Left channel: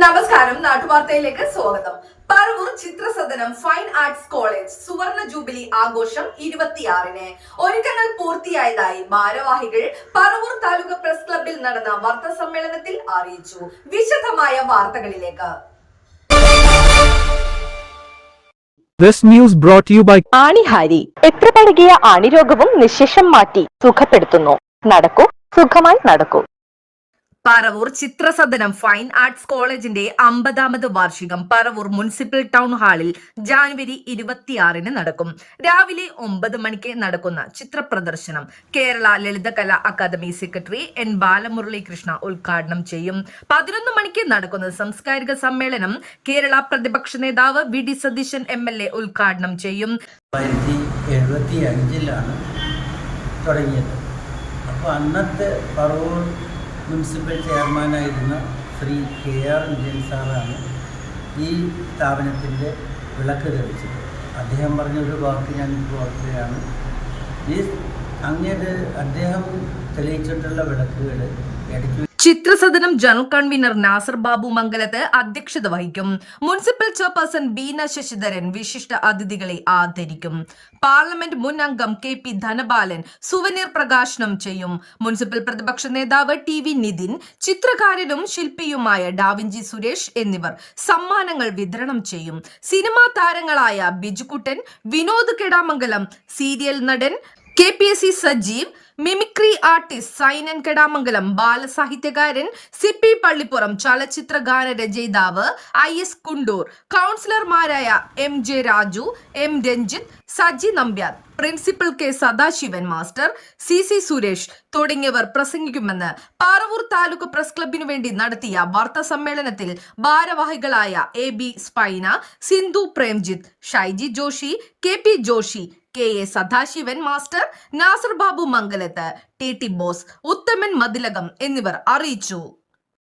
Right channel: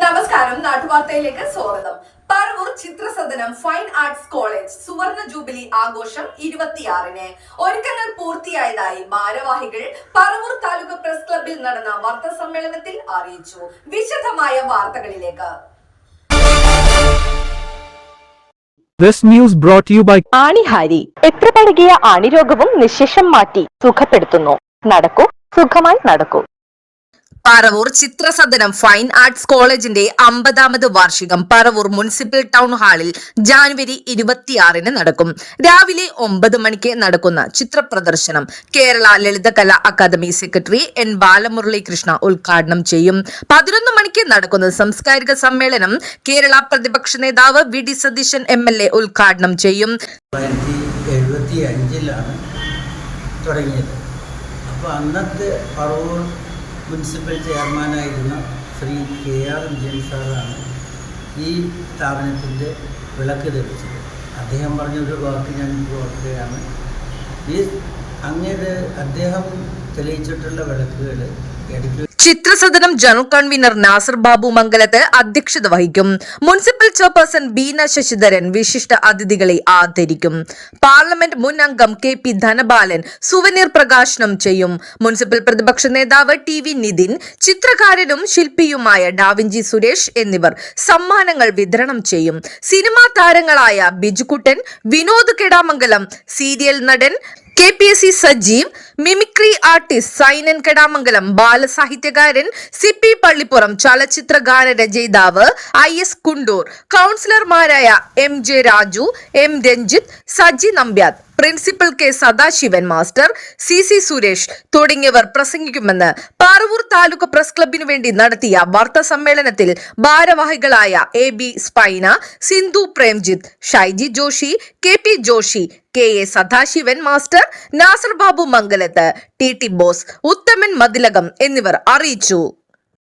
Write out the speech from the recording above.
നമസ്കാരം നാട്ടുവാർത്തയിലേക്ക് സ്വാഗതം. Paravur Chithrasadanam fine arts college സുവർണ ജൂബിലി ആഘോഷം ഇരുപത്തിയാറിന്. ഒരുക്കങ്ങൾ പൂർത്തിയായതായി ഭാരവാഹികൾ പറവൂർ താലൂക്ക് പ്രസ് ക്ലബിൽ നടന്ന വാർത്താ സമ്മേളനത്തിൽ അറിയിച്ചു. വിശദമായ വാർത്തകളിലേക്ക്. This news brought to you by ആണിഹാരി. എത്ര പഴകിയ ആണിരോഗവും നിശേഷം മാറ്റി സുഖപ്പെടുത്തുന്നു. നടക്കൂ സുഖമായി നടക്കൂ. പറവൂർ ചിത്രസദനം ഫൈൻ ആർട്സ് കോളേജിന്റെ അമ്പതാമത് വാർഷികം പറവൂർ മുനിസിപ്പൽ ടൗൺ ഹാളിൽ ജാനുവരി ഇരുപത്തിയാറിന് നടക്കും. രാവിലെ ഒമ്പത് മണിക്ക് നടക്കുന്ന ചിത്രപ്രദർശനം Kerala Lalithakala academy secretary N Balamuralikrishna ഉദ്ഘാടനം ചെയ്യും. പതിനൊന്ന് മണിക്ക് നടക്കുന്ന സാംസ്കാരിക സമ്മേളനം കേരള പ്രതിപക്ഷ നേതാവ് V D Satheesan M L A ഉദ്ഘാടനം ചെയ്യും. തുടങ്ങിയത്. അപ്പോൾ അന്നത്തെ പറവൂർ മുനിസിപ്പൽ ചെയർമാനായിരുന്ന ശ്രീ കെ ആർ വിജയൻ സാറാണ് ഈ സ്ഥാപനത്തിന്റെ വിളക്ക് തെളിച്ചത്. അദ്ദേഹം പറഞ്ഞ ഒരു വാക്ക് ഞാൻ ഓർക്കുകയാണ്. ഈ അങ്ങേര് അദ്ദേഹം തെളിയിച്ചിട്ടുള്ള വിളക്കുകൾ ഇടയ്ക്ക് ചിത്രസദനം ജനറൽ കൺവീനർ നാസർ ബാബു മംഗലത്ത് അധ്യക്ഷത വഹിക്കും. മുനിസിപ്പൽ ചെയർപേഴ്സൺ ബീന ശശിധരൻ വിശിഷ്ട അതിഥികളെ ആദരിക്കും. പാർലമെന്റ് മുൻ അംഗം കെ പി ധനബാലൻ സുവനീർ പ്രകാശനം ചെയ്യും. മുനിസിപ്പൽ പ്രതിപക്ഷ നേതാവ് ടി വി നിതിൻ ചിത്രകാരനും ശില്പിയുമായ ഡാവിഞ്ചി സുരേഷ് എന്നിവർ സമ്മാനങ്ങൾ വിതരണം ചെയ്യും. സിനിമാ താരങ്ങളായ ബിജുകുട്ടൻ വിനോദ് കെടാമംഗലം സീരിയൽ നടൻ K P S C Sajeev mimicry artist Sainan Kedamangalam ബാലസാഹിത്യകാരൻ C P Pallippuram ചലച്ചിത്ര ഗാന രചയിതാവ് ഐ എസ് കുണ്ടൂർ കൗൺസിലർമാരായ M J Raju M Ranjith Saji Nambiar. Principal K Sadasivan master C C Suresh തുടങ്ങിയവർ പ്രസംഗിക്കുമെന്ന് പാറവൂർ താലൂക്ക് പ്രസ് ക്ലബിനു വേണ്ടി നടത്തിയ വാർത്താ സമ്മേളനത്തിൽ ഭാരവാഹികളായ A B Spaina Sindhu Premjith Shyji Joshi K P Joshi K A Sadasivan master Nasar Babu Mangalath T T Bose Uthaman Mathilakam എന്നിവർ അറിയിച്ചു.